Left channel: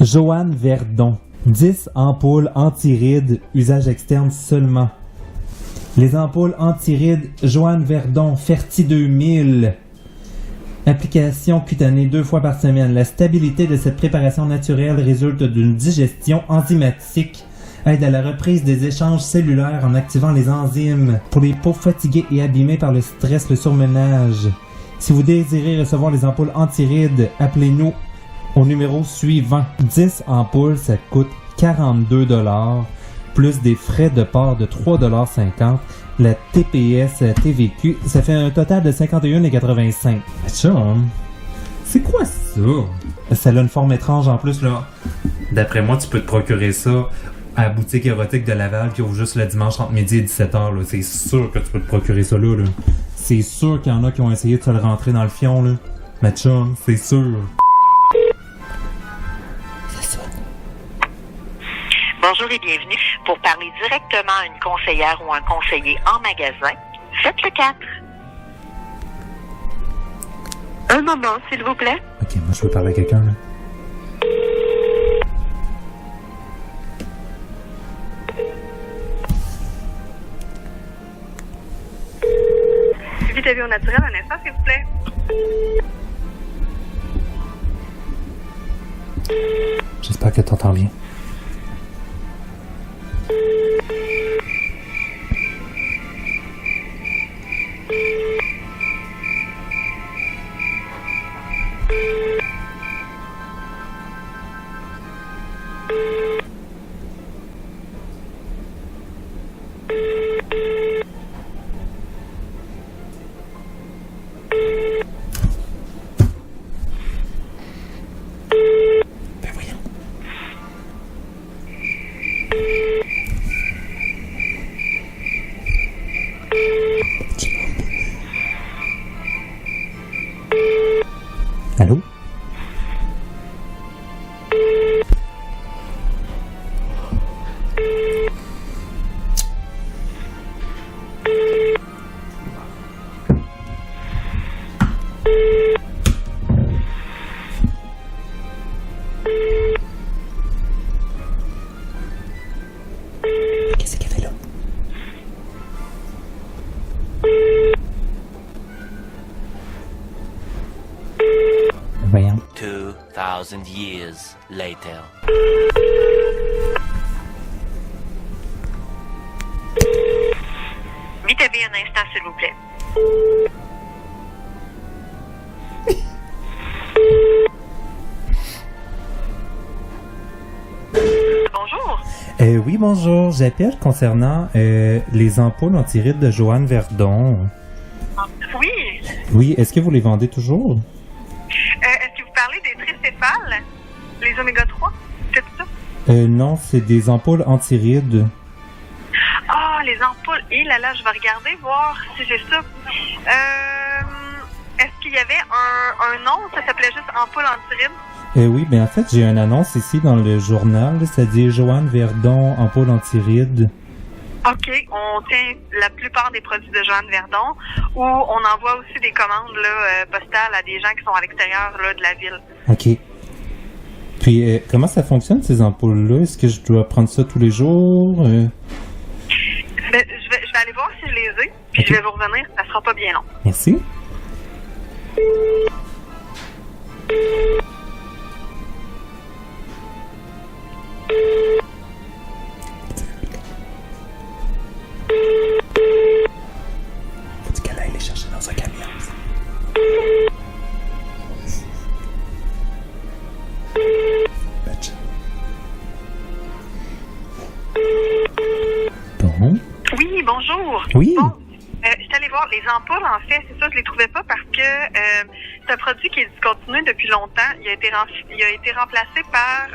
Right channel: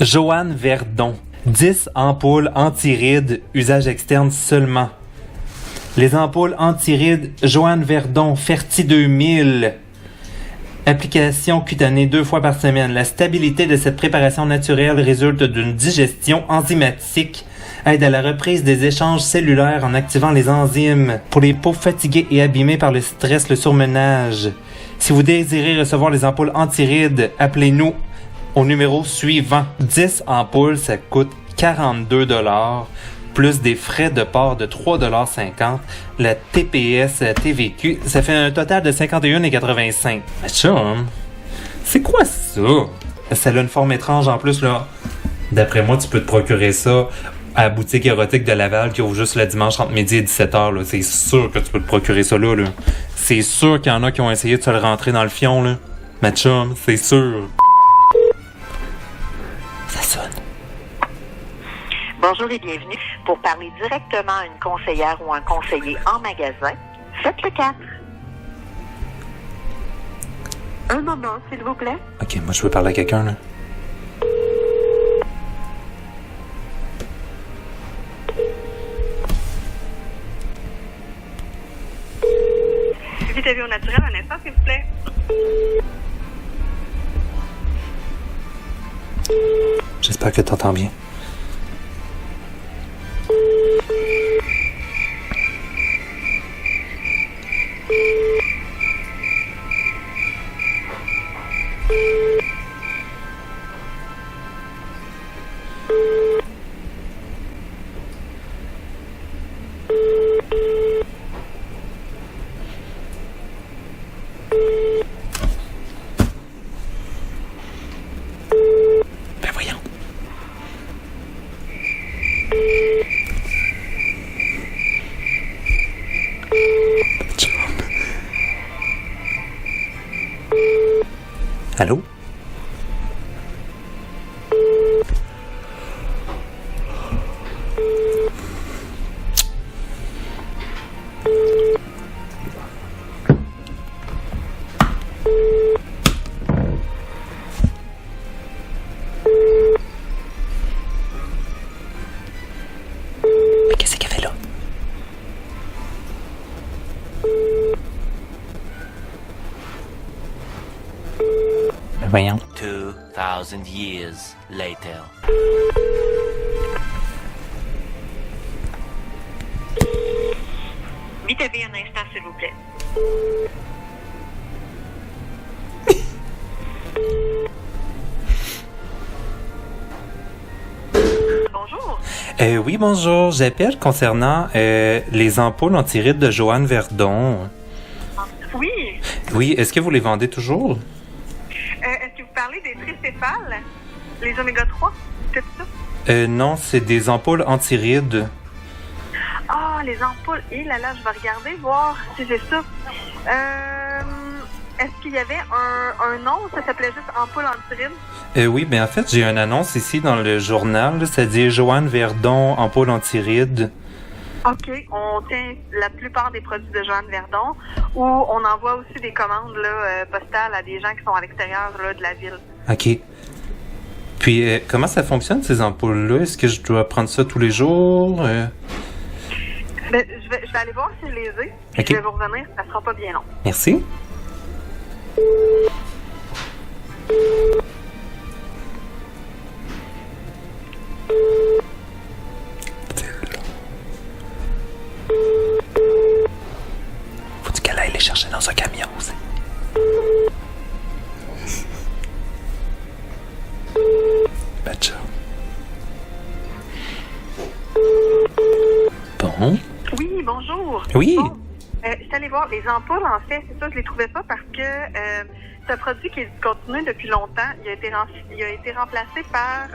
Joanne Verdon. 10 ampoules anti-rides, usage externe seulement. Les ampoules anti-rides Joanne Verdon, Ferti 2000. Application cutanée 2 fois par semaine. La stabilité de cette préparation naturelle résulte d'une digestion enzymatique. Aide à la reprise des échanges cellulaires en activant les enzymes. Pour les peaux fatiguées et abîmées par le stress, le surmenage. Si vous désirez recevoir les ampoules anti-rides, appelez-nous au numéro suivant. 10 ampoules, ça coûte 42 $, plus des frais de port de 3,50 $. La TPS TVQ, ça fait un total de 51,85 $. Mais chum, c'est quoi ça? Ça a une forme étrange en plus, là. D'après moi, tu peux te procurer ça à la boutique érotique de Laval qui ouvre juste le dimanche entre midi et 17h. Là. C'est sûr que tu peux te procurer ça là. C'est sûr qu'il y en a qui ont essayé de se le rentrer dans le fion. Là. Mais chum, c'est sûr. Ça sonne. Bonjour et bienvenue. Pour parler directement à une conseillère ou un conseiller en magasin, faites le 4. Un moment, s'il vous plaît. Ok, moi je veux parler à quelqu'un là. Vitamine naturelle, un instant, s'il vous plaît. J'espère que t'entends bien. Ben voyons. Allô? Qu'est-ce qu'elle fait là? Ben voyons. 2,000 years later. Vitamine un instant, s'il vous plaît. Bonjour. Oui, bonjour. J'appelle concernant les ampoules anti-rides de Joanne Verdon. Oui. Oui, est-ce que vous les vendez toujours? Est-ce que vous parlez des tricéphales? Les oméga 3? C'est ça? Non, c'est des ampoules anti-rides. Ah, les ampoules. Et là, je vais regarder, voir si j'ai ça. Est-ce qu'il y avait un nom? Ça s'appelait juste ampoule anti-rides? Oui, ben en fait, j'ai une annonce ici dans le journal. Ça dit Joanne Verdon, ampoule anti-rides. OK. On tient la plupart des produits de Joanne Verdon ou on envoie aussi des commandes là, postales à des gens qui sont à l'extérieur là, de la ville. OK. Puis, comment ça fonctionne, ces ampoules-là? Est-ce que je dois prendre ça tous les jours? Ben, je vais aller voir si je les ai, puis OK. je vais vous revenir. Ça sera pas bien long. Merci. Faut-tu qu'elle aille les chercher dans un camion aussi? Batcha. Bon. Oui, bonjour. Oui. Bon, je suis allée voir les ampoules, en fait, c'est ça, je les trouvais pas parce que c'est un produit qui est discontinué depuis longtemps. Il a été remplacé par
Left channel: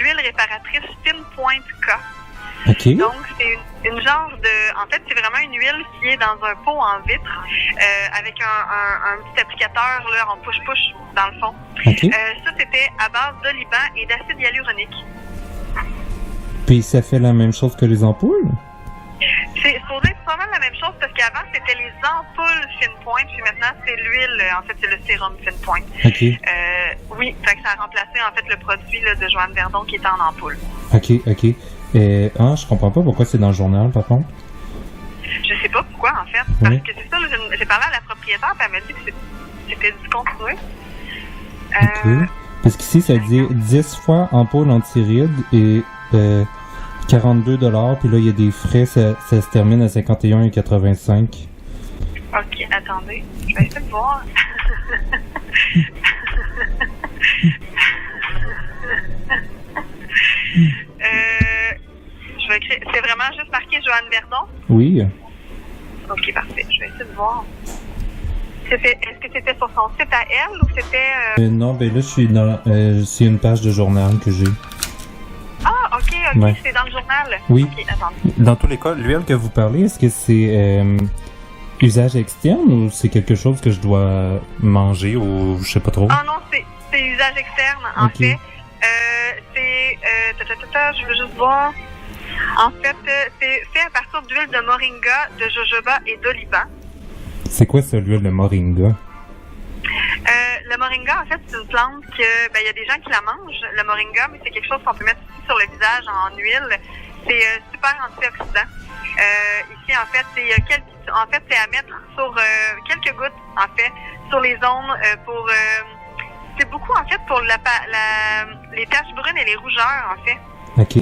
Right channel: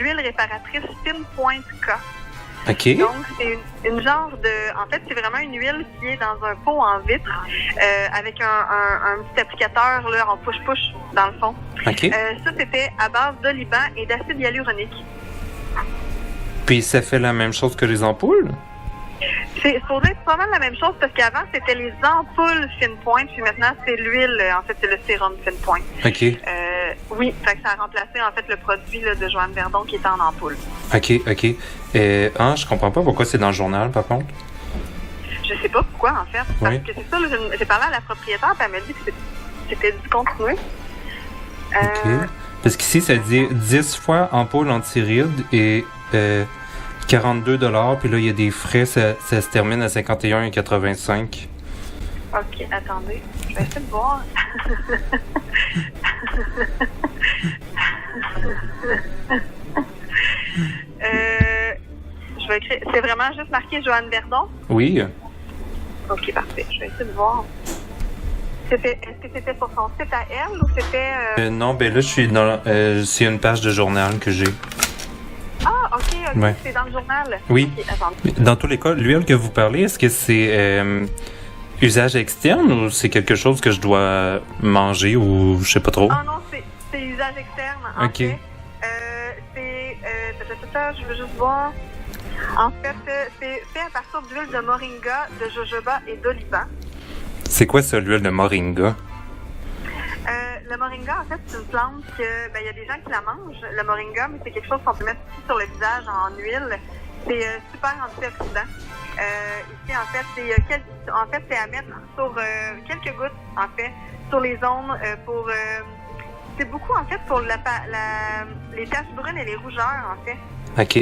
l'huile réparatrice Fine Point K. OK. Donc, c'est une genre de... En fait, c'est vraiment une huile qui est dans un pot en vitre avec un petit applicateur là, en push-push, dans le fond. OK. Ça, c'était à base d'oliban et d'acide hyaluronique. Puis ça fait la même chose que les ampoules? C'est supposé être pas mal la même chose parce qu'avant, c'était les ampoules Fine Point, puis maintenant, c'est l'huile, en fait, c'est le sérum Fine Point. OK. Oui, fait que ça a remplacé en fait le produit là, de Joanne Verdon qui était en ampoule. OK. Je comprends pas pourquoi c'est dans le journal, par contre. Je sais pas pourquoi, en fait. Parce Oui. que c'est ça, là, j'ai parlé à la propriétaire, puis elle m'a dit que c'était discontinué. OK. Parce qu'ici, ça dit 10 fois ampoule anti-rides et 42 $. Puis là, il y a des frais, ça se termine à 51,85. OK, attendez. Je vais essayer de voir. Je vais écrire. C'est vraiment juste marqué Joanne Verdon? Oui. OK, parfait. Je vais essayer de voir. Est-ce que c'était sur son site à elle ou c'était... Non, ben là, je suis dans... c'est une page de journal que j'ai. Ah, OK, Ouais. c'est dans le journal. Oui. OK, attendez. Dans tous les cas, l'huile que vous parlez, est-ce que c'est usage externe ou c'est quelque chose que je dois manger ou je sais pas trop? Ah non, c'est usage externe, en OK. fait. Je veux juste voir. En fait, c'est fait à partir d'huile de moringa, de jojoba et d'oliban. C'est quoi ça, l'huile de moringa? Le moringa, en fait, c'est une plante que, il y a des gens qui la mangent, le moringa, mais c'est quelque chose qu'on peut mettre aussi sur le visage en huile. C'est super antioxydant. Ici, en fait, c'est à mettre sur quelques gouttes, en fait, sur les zones pour... c'est beaucoup, en fait, pour les taches brunes et les rougeurs, en fait. OK.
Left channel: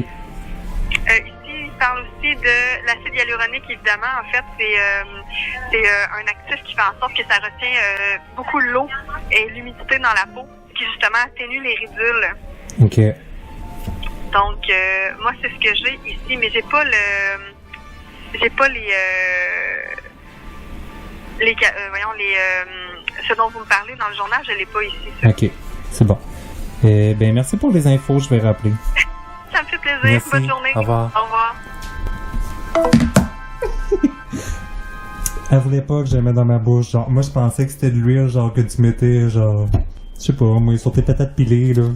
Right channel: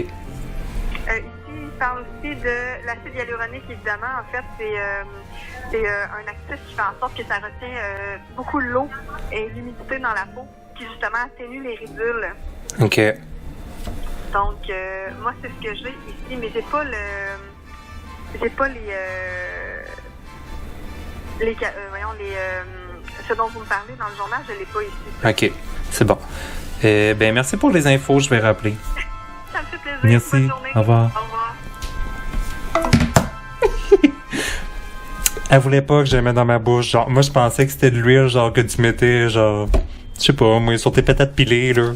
Ici, il parle aussi de l'acide hyaluronique, évidemment. En fait, c'est un actif qui fait en sorte que ça retient beaucoup l'eau et l'humidité dans la peau, qui justement atténue les ridules. OK. Donc, moi, c'est ce que j'ai ici, mais j'ai pas ce dont vous me parlez dans le journal, je l'ai pas ici. OK. C'est bon. Ben, merci pour les infos, je vais rappeler. Ça me fait plaisir. Merci. Bonne journée. Au revoir. Au revoir. Elle voulait pas que je la mette dans ma bouche. Genre, moi, je pensais que c'était de l'huile, genre, que tu mettais, genre, je sais pas, moi, sur tes patates pilées, là.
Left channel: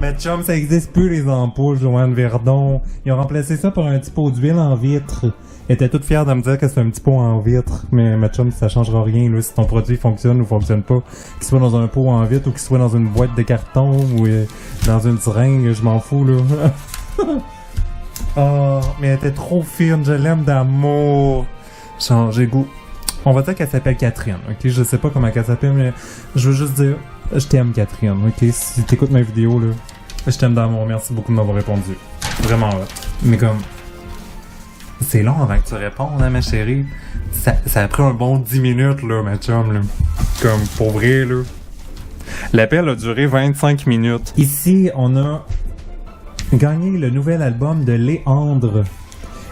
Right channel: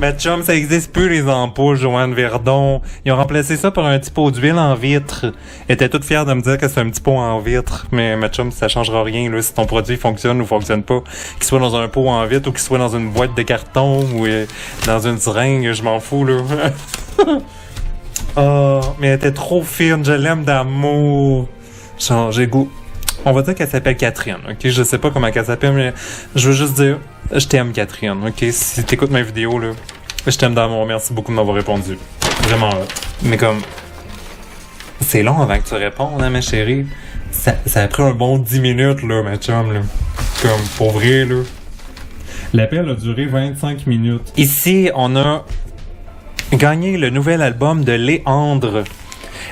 Mais chum, ça existe plus, les ampoules, Joanne Verdon. Ils ont remplacé ça par un petit pot d'huile en vitre. Elle était toute fière de me dire que c'est un petit pot en vitre. Mais ma chum, ça changera rien, là, si ton produit fonctionne ou fonctionne pas. Qu'il soit dans un pot en vitre ou qu'il soit dans une boîte de carton ou dans une seringue, je m'en fous, là. Oh, mais elle était trop fine, je l'aime d'amour. Genre, j'ai goût. On va dire qu'elle s'appelle Catherine, ok? Je sais pas comment elle s'appelle, mais je veux juste dire, je t'aime, Catherine, ok? Si t'écoutes ma vidéo, là, je t'aime d'amour. Merci beaucoup de m'avoir répondu. Vraiment, là. Mais comme, c'est long avant que tu répondes, hein, ma chérie? Ça a pris un bon 10 minutes, là, ma chum, là. Comme, pour vrai, là. L'appel a duré 25 minutes. Ici, on a gagné le nouvel album de Léandre.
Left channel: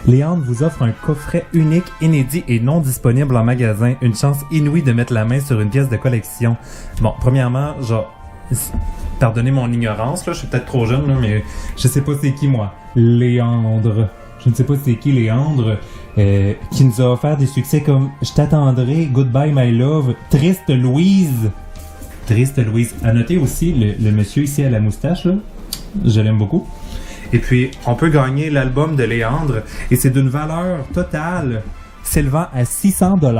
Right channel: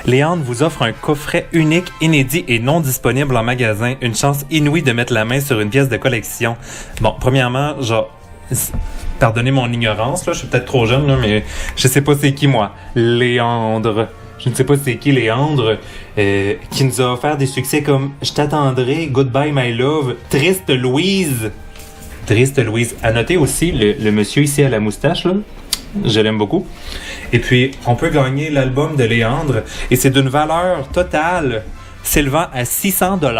Léandre vous offre un coffret unique, inédit et non disponible en magasin. Une chance inouïe de mettre la main sur une pièce de collection. Bon, premièrement, genre, pardonnez mon ignorance, là, je suis peut-être trop jeune, là, mais je sais pas c'est qui, moi. Léandre. Je ne sais pas c'est qui, Léandre, qui nous a offert des succès comme « Je t'attendrai »,« Goodbye My Love »,« Triste Louise ». Triste Louise. À noter aussi, le monsieur ici à la moustache, là, je l'aime beaucoup. Et puis, on peut gagner l'album de Léandre et c'est d'une valeur totale s'élevant à 600 $.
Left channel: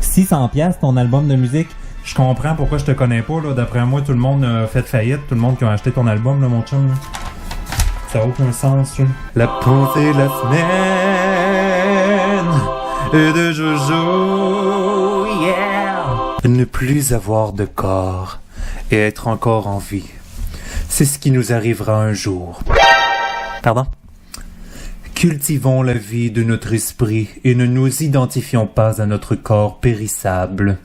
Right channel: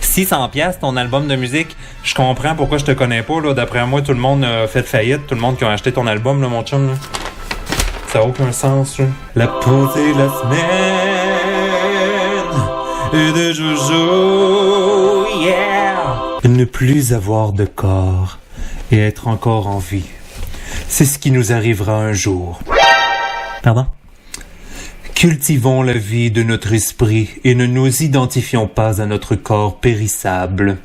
600 piastres ton album de musique. Je comprends pourquoi je te connais pas, là. D'après moi, tout le monde a fait faillite. Tout le monde qui a acheté ton album, là, mon chum, là. Ça n'a aucun sens, là. La pensée de la semaine et de Jojo, yeah! Ne plus avoir de corps et être encore en vie. C'est ce qui nous arrivera un jour. Pardon? Cultivons la vie de notre esprit et ne nous identifions pas à notre corps périssable.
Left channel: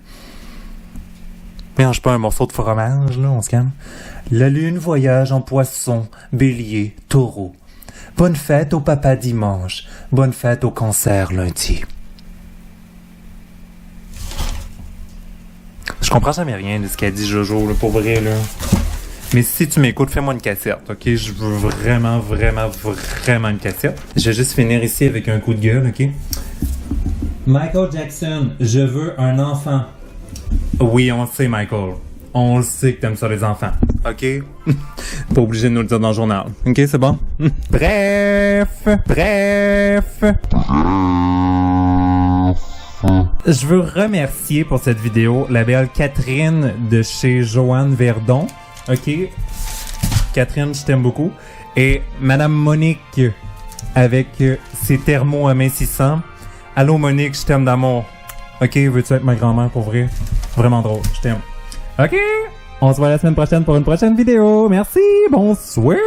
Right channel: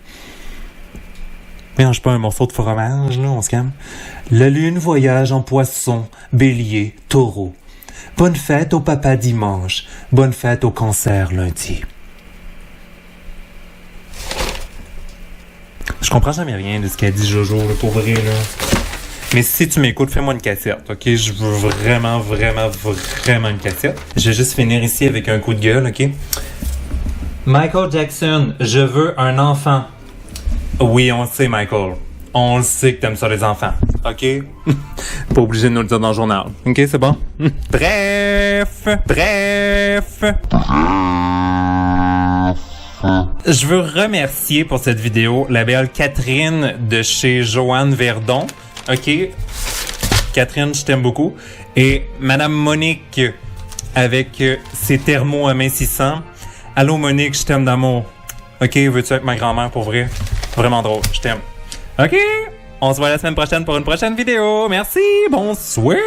Mélange pas un morceau de fromage, là, on se calme. La lune voyage en poisson, bélier, taureau. Bonne fête au papa dimanche, bonne fête au cancer lundi. Je comprends jamais rien de ce qu'a dit Jojo, là, pour vrai, là. Mais si tu m'écoutes, fais-moi une cassette, ok? Je veux vraiment, vraiment, vraiment une cassette. Je vais juste finir ici avec un coup de gueule, ok? Michael Jackson, je veux un enfant. Oui, on le sait, Michael. On le sait que t'aimes ça, les enfants, ok? Pas obligé de nous le dire dans le journal, ok? C'est bon? Bref. Je veux remercier pour cette vidéo la belle Catherine de chez Joanne Verdon. OK? Catherine, je t'aime beaucoup. Et Madame Monique avec ses thermos amincissants. Allô Monique, je t'aime d'amour. OK, veux-tu être ma grand-mère pour vrai? Vraiment drôle, je t'aime. OK? On se voit la semaine prochaine pour une prochaine vidéo. Merci, bonsoir!